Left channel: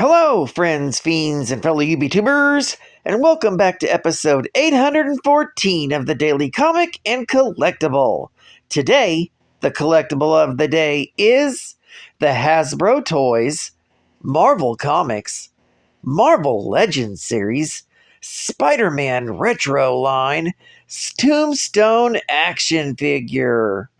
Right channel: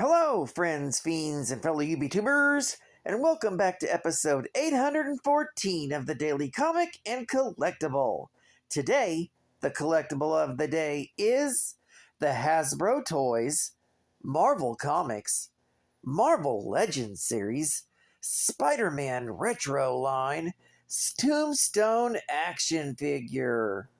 Hello, friends, fiends, and fellow YouTubers, and welcome back to episode 814 of the Daily Comic and Collectible. Today, the collectible of the day is the Hasbro Toys, Marvel Comics, Marvel Legends series, Spider-Man Retro line, Tombstone action figure.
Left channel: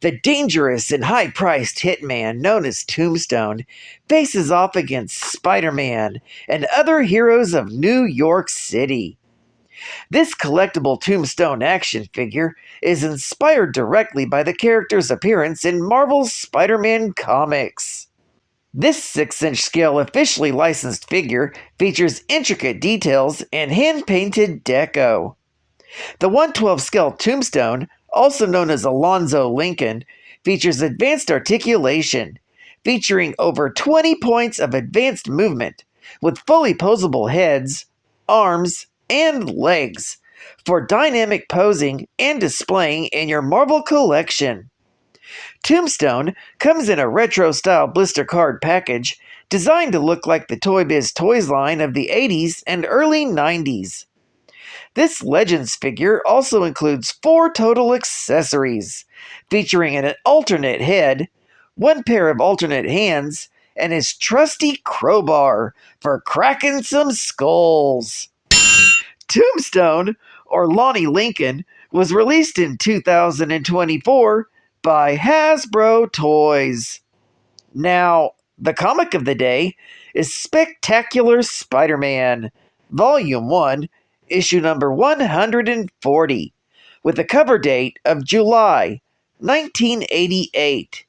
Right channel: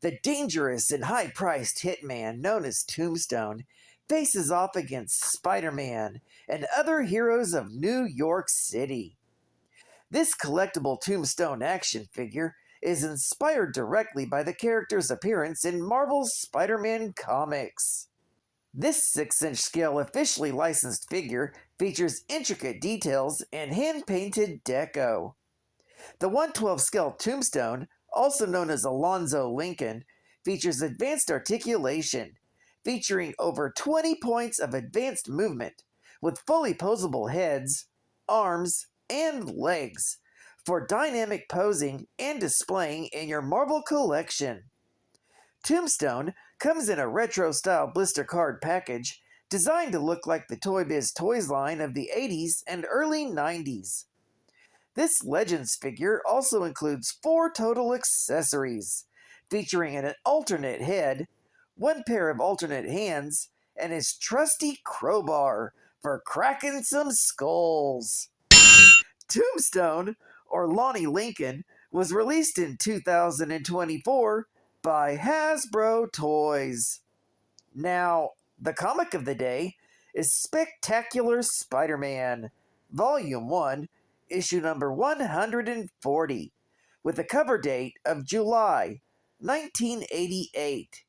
The dangerous and high-priced hitman known as Tombstone faces off against Spider-Man and other heroes of New York City. This collectible Tombstone action figure is inspired directly by the character's appearance in Marvel's Spider-Man comics. This 6-inch scale officially licensed figure features intricate details and hand-painted deco. The 1/12 scale Tombstone, also known as Alonzo Lincoln, features advanced articulation, featuring over 20 points of advanced movement, with fully posable heads, arms, and legs, for dynamic posing and displaying in your Marvel collection. Tombstone comes in a retro-style blister card package designed to look like the Toy Biz Toys line of the 80s and early 90s. This Legends figure also includes 4 total accessories, featuring an alternate head, 1 pair of alternate hands, and his trusty crowbar for cracking some skulls. Tombstone, or Lonnie Lincoln, was released in 2024 by Hasbro Toys. Now, the comic of the day is Spectacular Spider-Man, Volume 1, issue number 140, with a cover date of July 1988,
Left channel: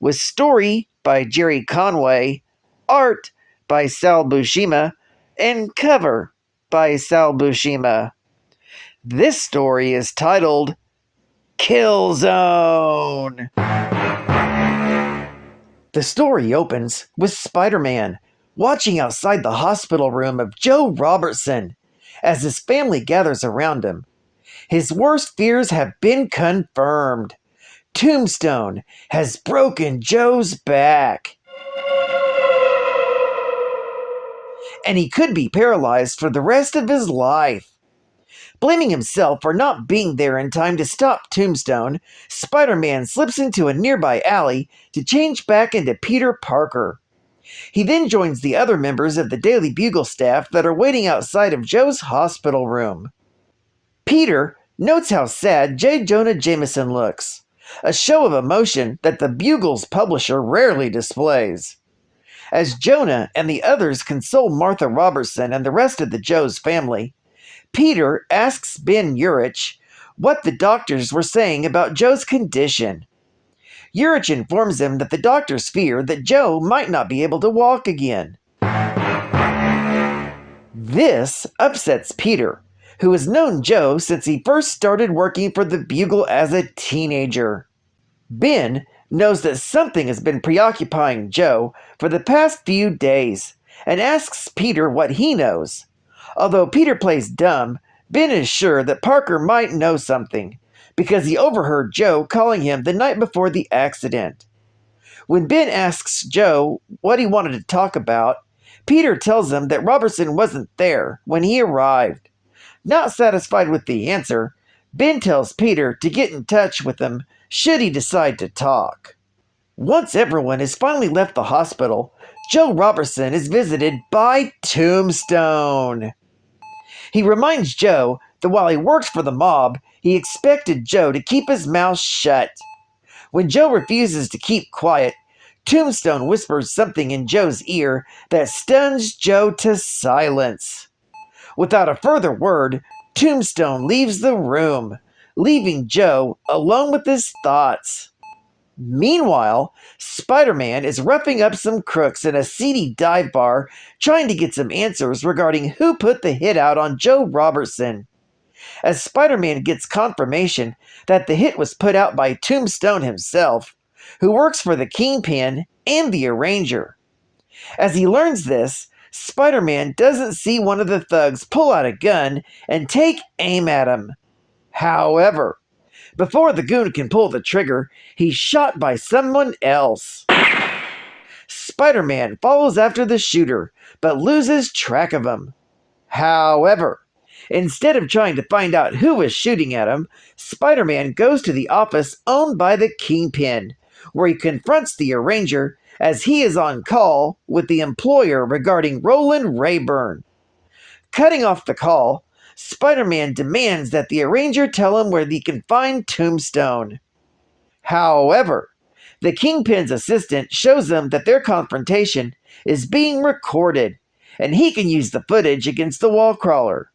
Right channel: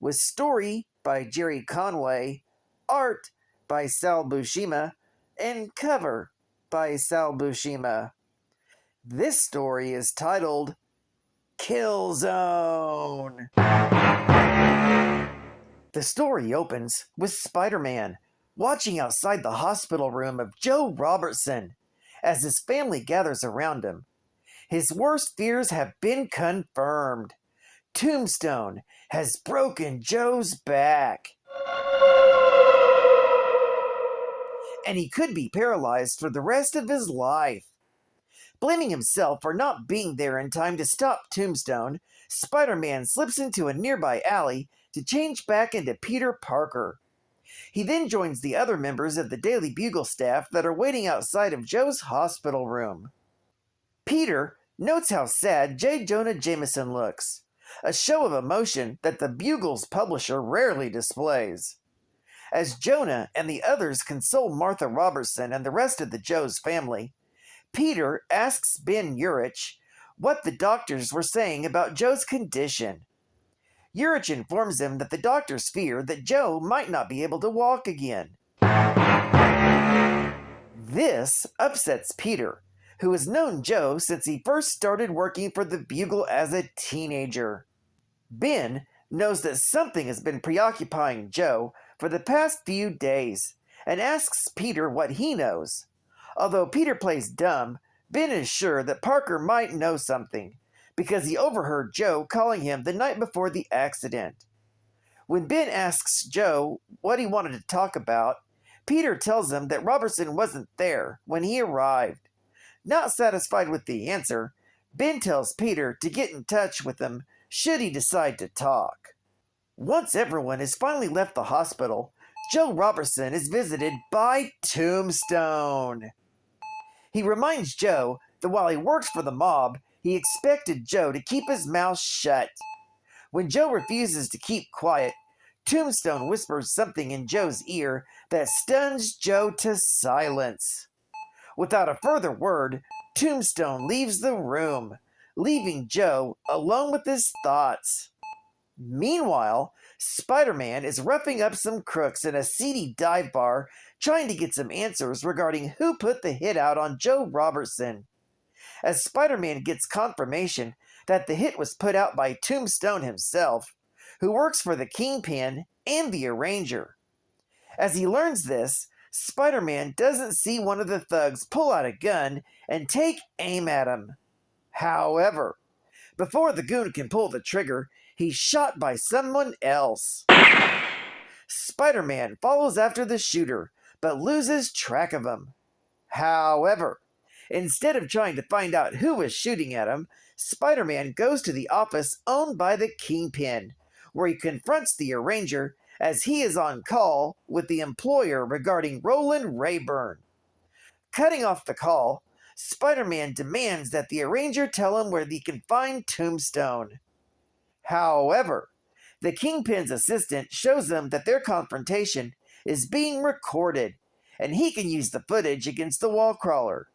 with story by Jerry Conway, art by Sal Buscema, and cover by Sal Buscema. This story is titled Kill Zone. The story opens with Spider-Man watching outside the hospital room of Joe Robertson as his family gathers around him. His worst fears have been confirmed. Tombstone has broken Joe's back, and he could be paralyzed for the rest of his life. Blaming himself for not being there in time to stop Tombstone, Spider-Man slips into a nearby alley to change back into Peter Parker. He then joins the other members of the Daily Bugle staff that are waiting outside of Joe's hospital room. Peter notes how sad J. Jonah Jameson looks, a show of emotion that the Bugle's publisher rarely displays. As Jonah and the others console Martha Robertson and the rest of the Joe's family, Peter asks Ben Urich what the doctors were saying about Joe's condition. Urich informs him that the doctors fear that Joe might not be able to walk again. This upsets Peter, who has known Joe since he first started working for the Bugle as a teenager. Ben knows that something has been preoccupying Joe for the past few days and asks Peter what he knows. Although Peter plays dumb, Ben is sure that Parker might know something, because he overheard Joe calling him the night before the accident. When Ben asks Joe what he wanted to talk about, Peter tells him that Robertson wasn't there when he arrived. Not satisfied with the answer, Ben tells Peter to get in touch with him should he decide to talk. Once everyone has finally left the hospital, Joe Robertson is visited by Tombstone. He reminds Joe that while he worked for the mob, he expected Joe to keep his mouth shut. When Joe refuses to keep quiet, Tombstone whispers something in Joe's ear that stuns Joe to silence. Without a further word, Tombstone leaves the room, leaving Joe alone with his thoughts. Meanwhile, Spider-Man is roughing up some crooks in a seedy dive bar, trying to get some answers regarding who put the hit out on Joe Robertson. As Spider-Man gets confirmation that the hit was put out by Tombstone himself, who works for the Kingpin and the Arranger. As he learns this, Spider-Man doesn't see one of the thugs pull out a gun and take aim at him. However, before the goon can pull the trigger, he's shot by someone else. Spider-Man follows after the shooter, but loses track of him. However, instead of trying to find out who was shooting at him, Spider-Man goes to the office owned by the Kingpin, where he confronts the Arranger as he is on call with the employer regarding Roland Rayburn. Cutting off the call, Spider-Man demands that the Arranger tell him where he can find Tombstone. However, the Kingpin's assistant shows them that their confrontation is being recorded, and he can use the footage against the wall crawler.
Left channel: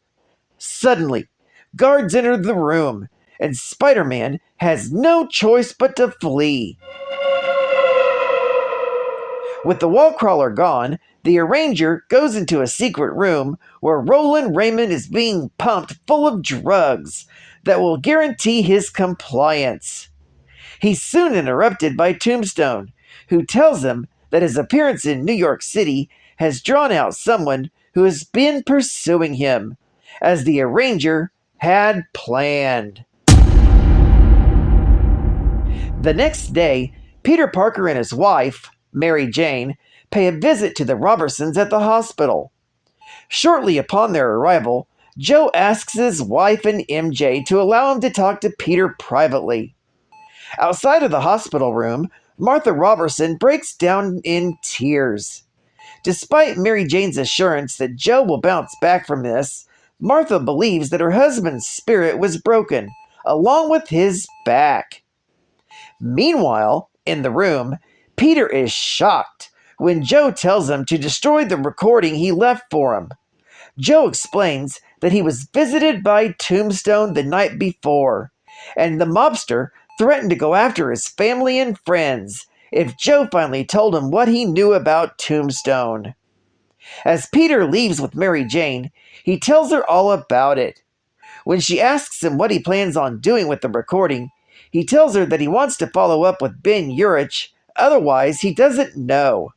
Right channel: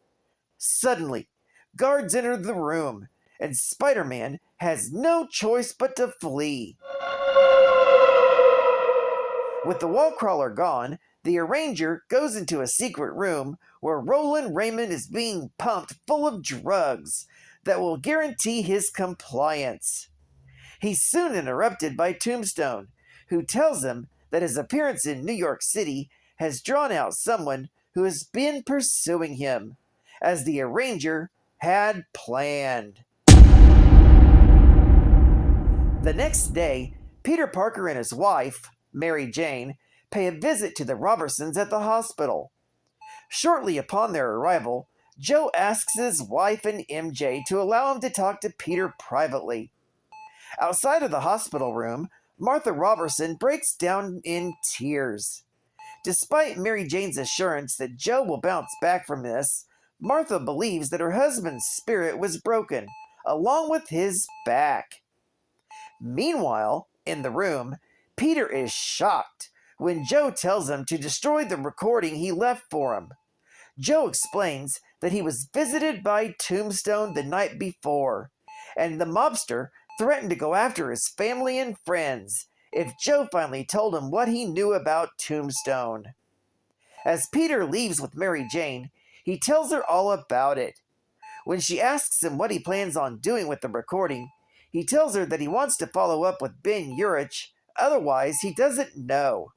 Suddenly, guards enter the room, and Spider-Man has no choice but to flee. With the wall crawler gone, the Arranger goes into a secret room where Roland Raymond is being pumped full of drugs that will guarantee his compliance. He's soon interrupted by Tombstone, who tells him that his appearance in New York City has drawn out someone who has been pursuing him, as the Arranger had planned. The next day, Peter Parker and his wife, Mary Jane, pay a visit to the Robertsons at the hospital. Shortly upon their arrival, Joe asks his wife and MJ to allow him to talk to Peter privately. Outside of the hospital room, Martha Robertson breaks down in tears. Despite Mary Jane's assurance that Joe will bounce back from this, Martha believes that her husband's spirit was broken, along with his back. Meanwhile, in the room, Peter is shocked when Joe tells him to destroy the recording he left for him. Joe explains that he was visited by Tombstone the night before, and the mobster threatened to go after his family and friends if Joe finally told him what he knew about Tombstone. As Peter leaves with Mary Jane, he tells her all about it. When she asks him what he plans on doing with the recording, he tells her that he wants to follow up with Ben Urich, otherwise he doesn't know.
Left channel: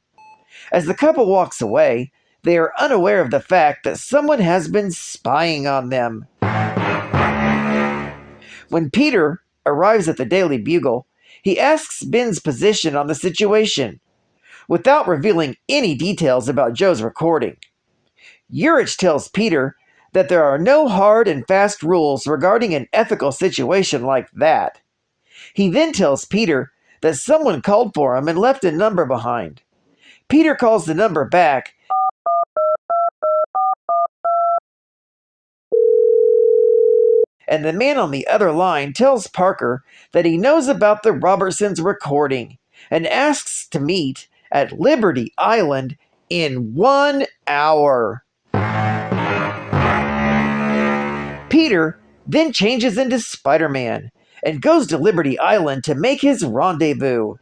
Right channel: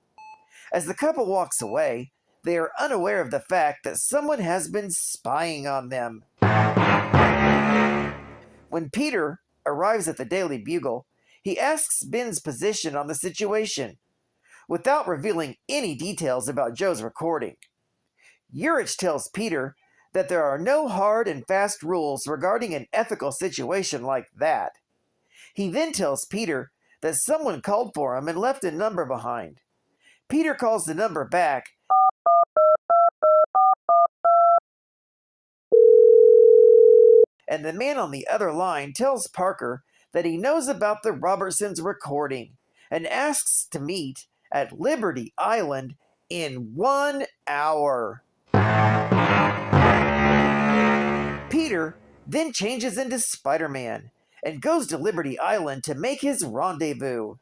As the couple walks away, they are unaware of the fact that someone has been spying on them. When Peter arrives at the Daily Bugle, he asks Ben's position on the situation, without revealing any details about Joe's recording. Urich tells Peter that there are no hard and fast rules regarding an ethical situation like that. He then tells Peter that someone called for him and left a number behind. Peter calls the number back, and the man on the other line tells Parker that he knows about the Robertsons' recording and asks to meet at Liberty Island in 1 hour. Peter then changes into Spider-Man and goes to Liberty Island to make his rendezvous.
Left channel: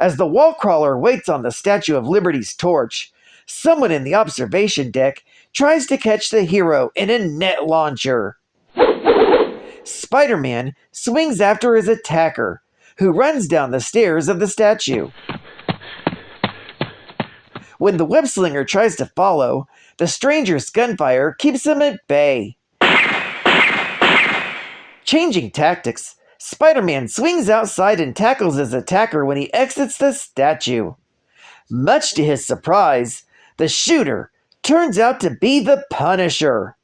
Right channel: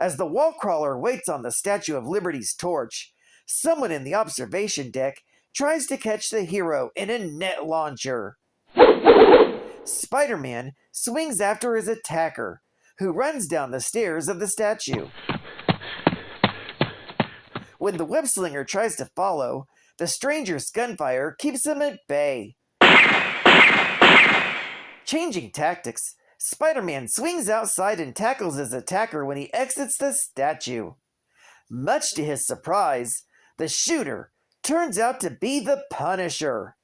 As the wall crawler waits on the Statue of Liberty's torch, someone in the observation deck tries to catch the hero in a net launcher. Spider-Man swings after his attacker, who runs down the stairs of the statue. When the web-slinger tries to follow, the stranger's gunfire keeps him at bay. Changing tactics, Spider-Man swings outside and tackles his attacker when he exits the statue. Much to his surprise, the shooter turns out to be the Punisher.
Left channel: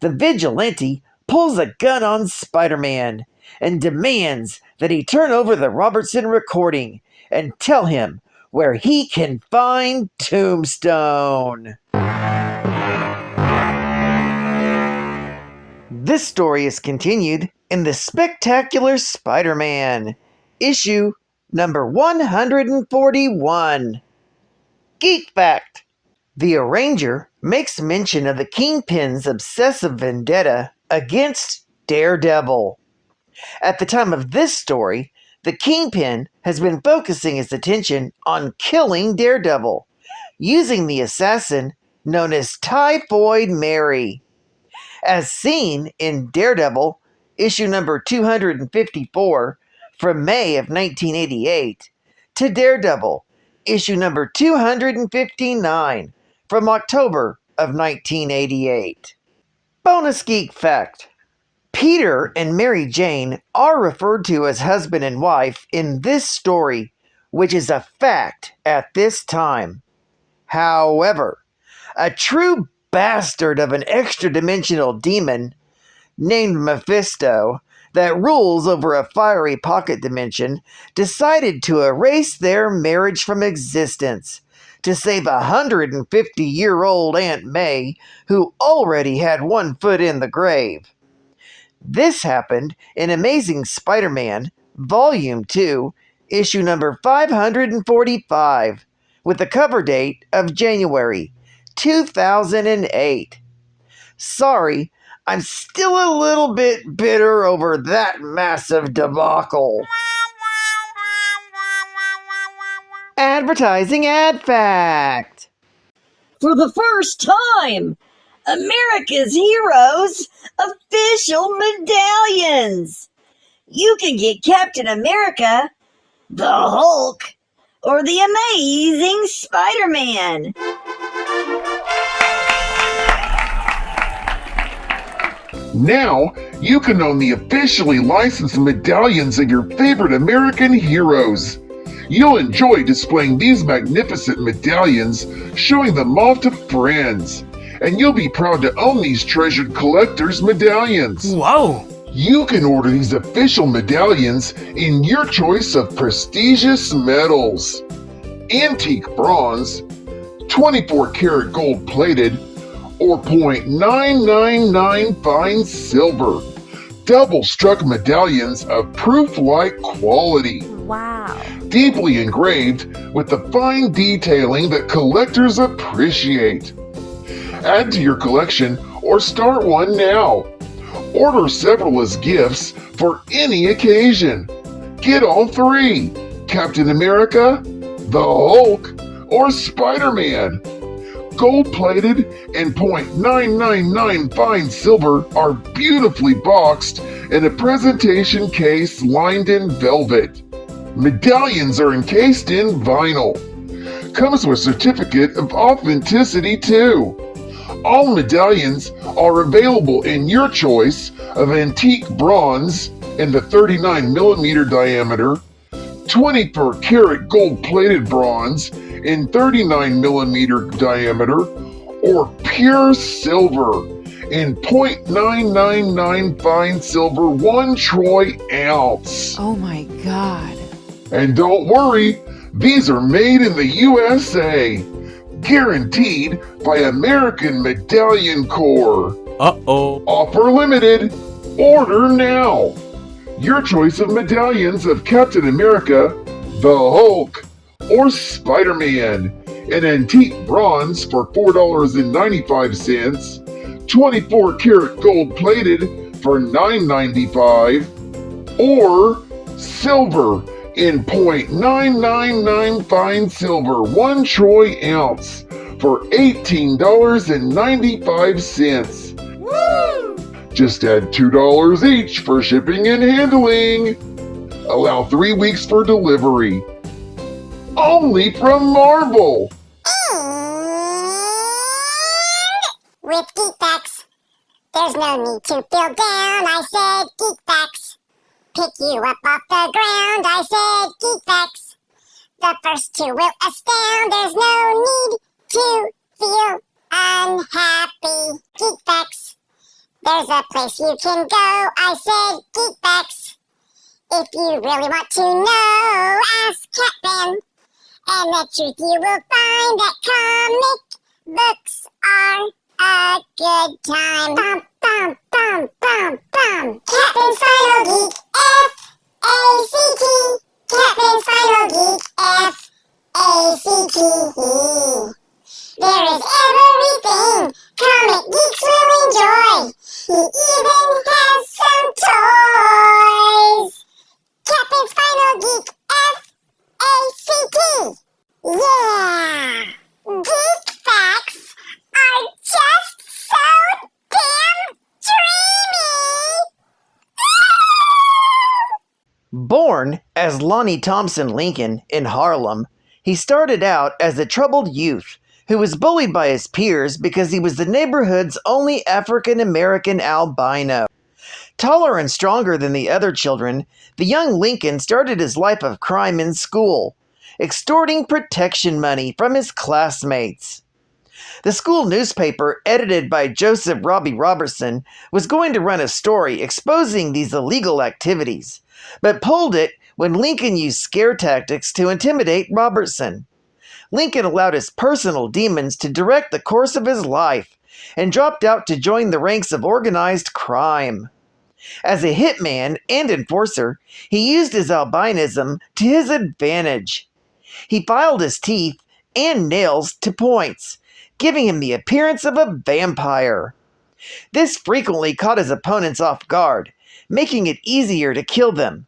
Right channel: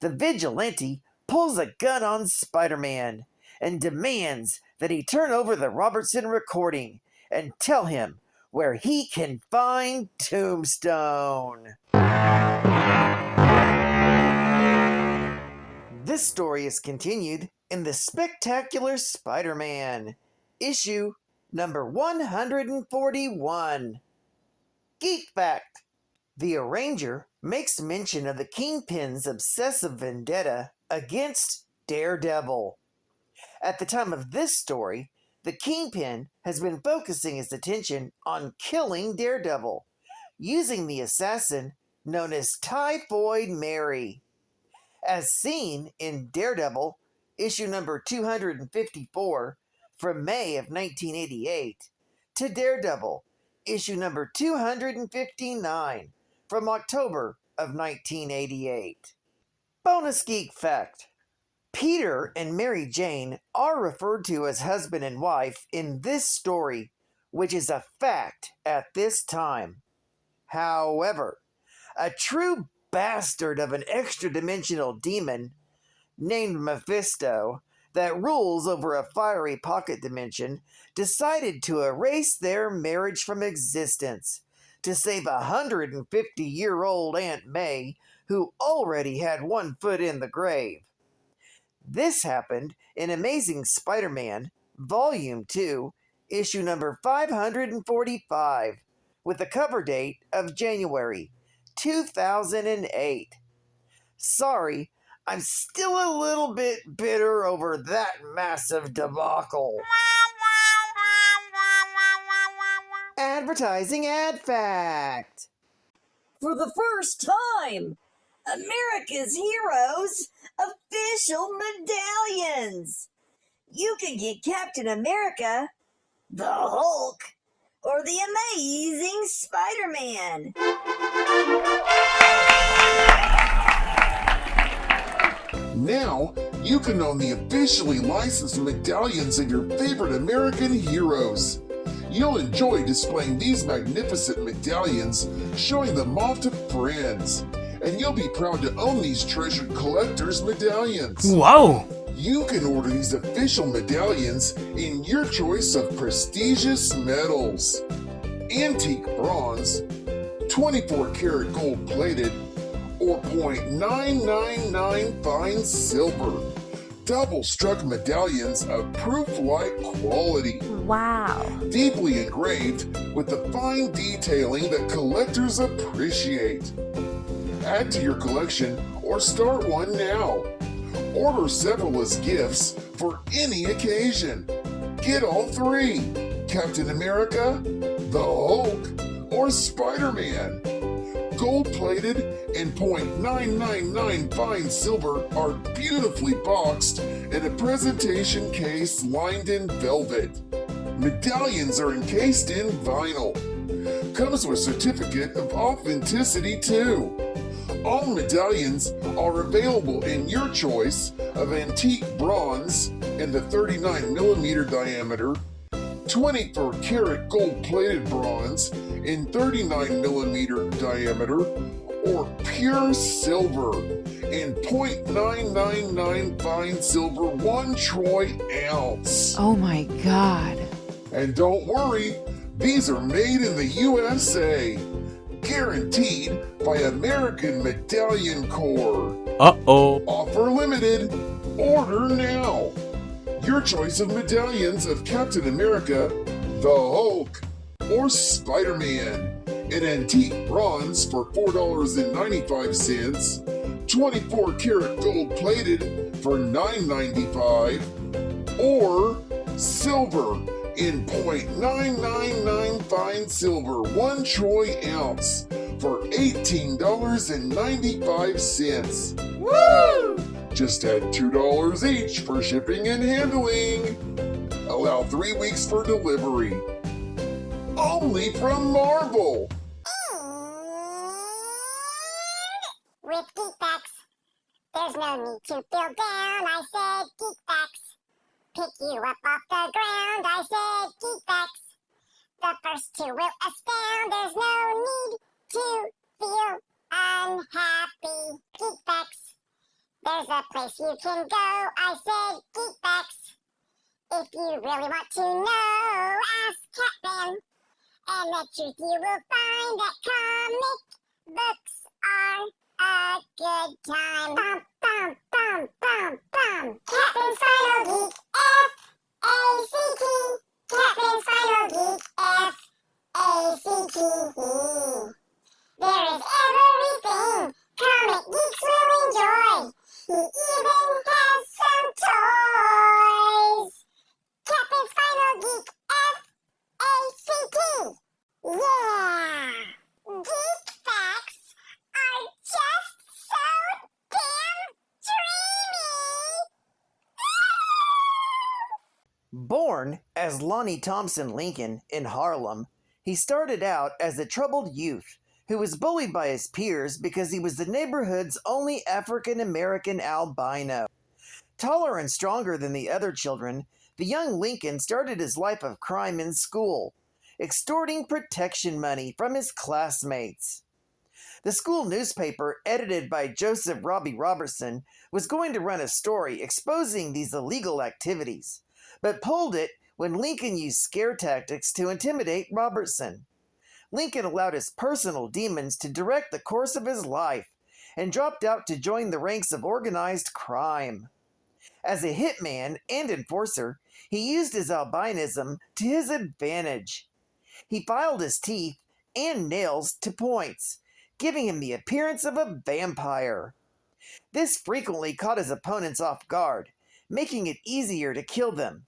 The vigilante pulls a gun on Spider-Man and demands that he turn over the Robertson recording and tell him where he can find Tombstone. This story is continued in the Spectacular Spider-Man, issue number 141. Geek Fact: the Arranger makes mention of the Kingpin's obsessive vendetta against Daredevil. At the time of this story, the Kingpin has been focusing his attention on killing Daredevil, using the assassin known as Typhoid Mary. As seen in Daredevil, issue number 254, from May of 1988, to Daredevil, issue number 259, from October of 1988. Bonus Geek Fact: Peter and Mary Jane are referred to as husband and wife in this story which is a fact at this time. However, a true bastard of an extra-dimensional demon named Mephisto that rules over a fiery pocket dimension decided to erase their marriage from existence to save 150-year-old Aunt May, who already had one foot in the grave. This happened in Amazing Spider-Man, Volume 2, issue number 545, with the cover date of January 2008. Sorry, I'm still a little bit bitter over that massive debacle. Advertising ad fact. For the first time, America's Heroes official medallions. You can get Captain America, the Hulk, or the Amazing Spider-Man. Now, you can own the officially licensed medallions of your favorite American heroes. You'll enjoy displaying these magnificent medallions, showing them off to friends. And you'll be proud to own these treasured collector's medallions. Whoa! You can order these official medallions in your choice of prestigious metals: antique bronze, 24 karat gold plated, or .999 fine silver. Double struck medallions of proof-like quality. Wow. Deeply engraved with the fine detailing that collectors appreciate. Add to your collection or start one now. Order several as gifts for any occasion. Get all three: Captain America, the Hulk, or Spider-Man. Gold-plated and .999 fine silver are beautifully boxed in a presentation case lined in velvet. Medallions are encased in vinyl. Comes with certificate of authenticity too. All medallions are available in your choice of antique bronze in the 39mm diameter, 24 karat gold-plated bronze in 39mm diameter, or pure silver in .999 fine silver 1 troy ounce. Oh my God. And don't worry, these are made in the USA. Guaranteed by American Medallion Corps. Uh-oh. Offer limited. Order now. Your choice of medallions of Captain America, the Hulk, or Spider-Man in antique bronze for $4.95, 24 karat gold plated for $9.95, or silver in .999 fine silver 1 troy ounce for $18.95. Woo! Just add $2 each for shipping and handling. Allow 3 weeks for delivery. Only from Marvel. With GeekBacks, there's no need to feel down. I said GeekBacks. Pick you up off the ground. I said GeekBacks. The first two will astound. There's no need to feel unhappy. GeekBacks. There's a place you can go. I said GeekBacks. If you really want to know, ask Catman. And the truth you will find that comic books are a good time. Bum, bum, bum, bum, bum. Captain's Final Geek, F-A-C-T. Captain's Final Geek, F-A-C-T. There is everything comic geeks will enjoy. He even has some toys. Captain's Final Geek, F-A-C-T. Yeah! Geek facts are just so damn dreamy! Born as Lonnie Thompson Lincoln in Harlem, he started out as a troubled youth who was bullied by his peers because he was the neighborhood's only African-American albino. Taller and stronger than the other children, the young Lincoln started his life of crime in school, extorting protection money from his classmates. The school newspaper, edited by Joseph Robbie Robertson, was going to run a story exposing these illegal activities, but pulled it when Lincoln used scare tactics to intimidate Robertson. Lincoln allowed his personal demons to direct the course of his life and dropped out to join the ranks of organized crime. As a hitman and enforcer, he used his albinism to his advantage. He filed his teeth and nails to points, giving him the appearance of a vampire. This frequently caught his opponents off guard, making it easier to kill them.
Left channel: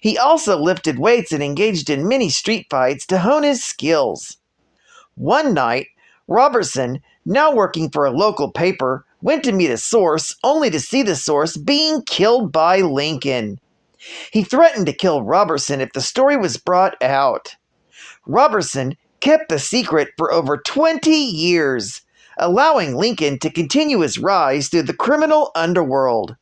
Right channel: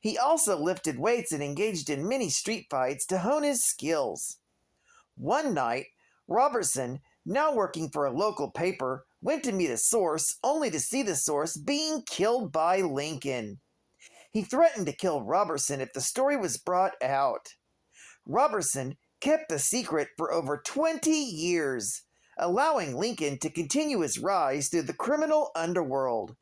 He also lifted weights and engaged in many street fights to hone his skills. One night, Robertson, now working for a local paper, went to meet a source only to see the source being killed by Lincoln. He threatened to kill Robertson if the story was brought out. Robertson kept the secret for over 20 years, allowing Lincoln to continue his rise through the criminal underworld.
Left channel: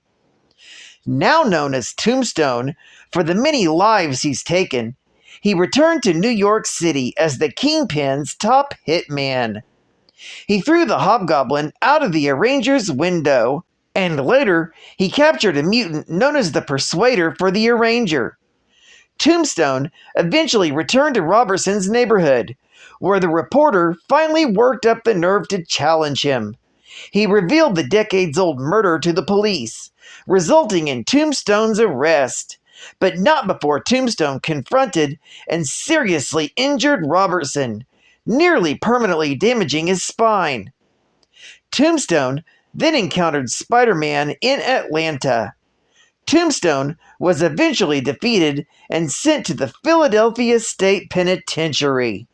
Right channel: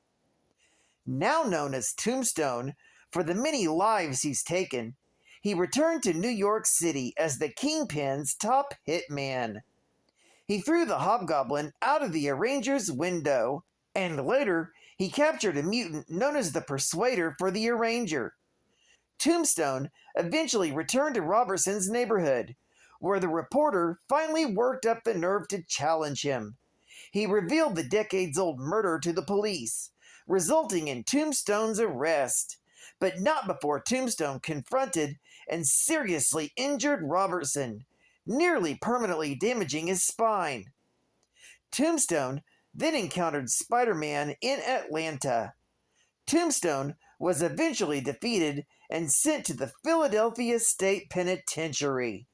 Now known as Tombstone for the many lives he's taken, he returned to New York City as the Kingpin's top hitman. He threw the hobgoblin out of the arranger's window, and later he captured a mutant known as the Persuader for the arranger. Tombstone eventually returned to Robertson's neighborhood, where the reporter finally worked up the nerve to challenge him. He revealed the decades-old murder to the police, resulting in Tombstone's arrest, but not before Tombstone confronted and seriously injured Robertson, nearly permanently damaging his spine. Tombstone then encountered Spiderman in Atlanta. Tombstone was eventually defeated and sent to the Philadelphia State Penitentiary.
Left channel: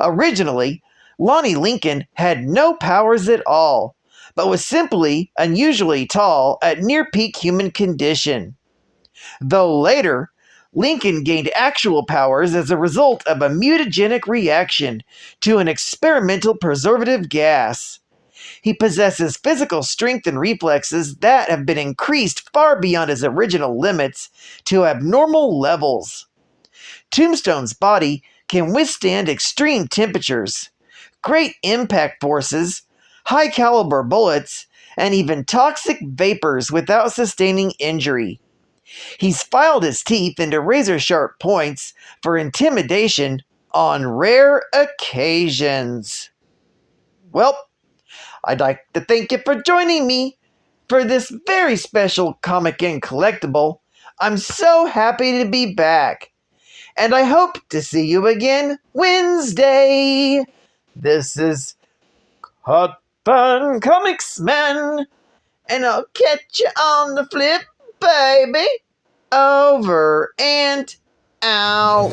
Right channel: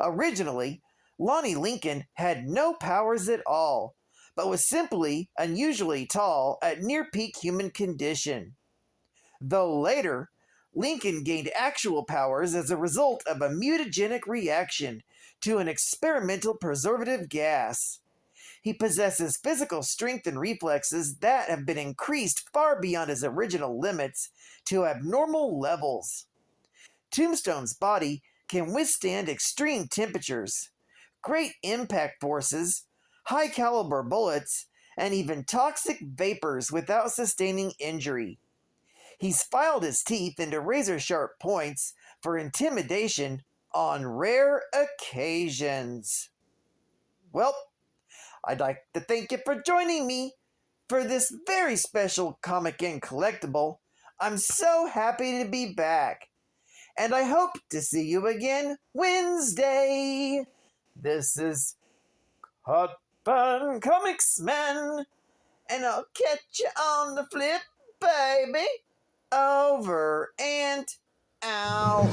Originally, Lonnie Lincoln had no powers at all, but was simply unusually tall at near-peak human condition. Though later, Lincoln gained actual powers as a result of a mutagenic reaction to an experimental preservative gas. He possesses physical strength and reflexes that have been increased far beyond his original limits to abnormal levels. Tombstone's body can withstand extreme temperatures, great impact forces, high-caliber bullets, and even toxic vapors without sustaining injury. He's filed his teeth into razor-sharp points for intimidation on rare occasions. Well, I'd like to thank you for joining me for this very special comic and collectible. I'm so happy to be back, and I hope to see you again Wednesday. This is Hot Fun Comics Man, and I'll catch you on the flip, baby. Over and out.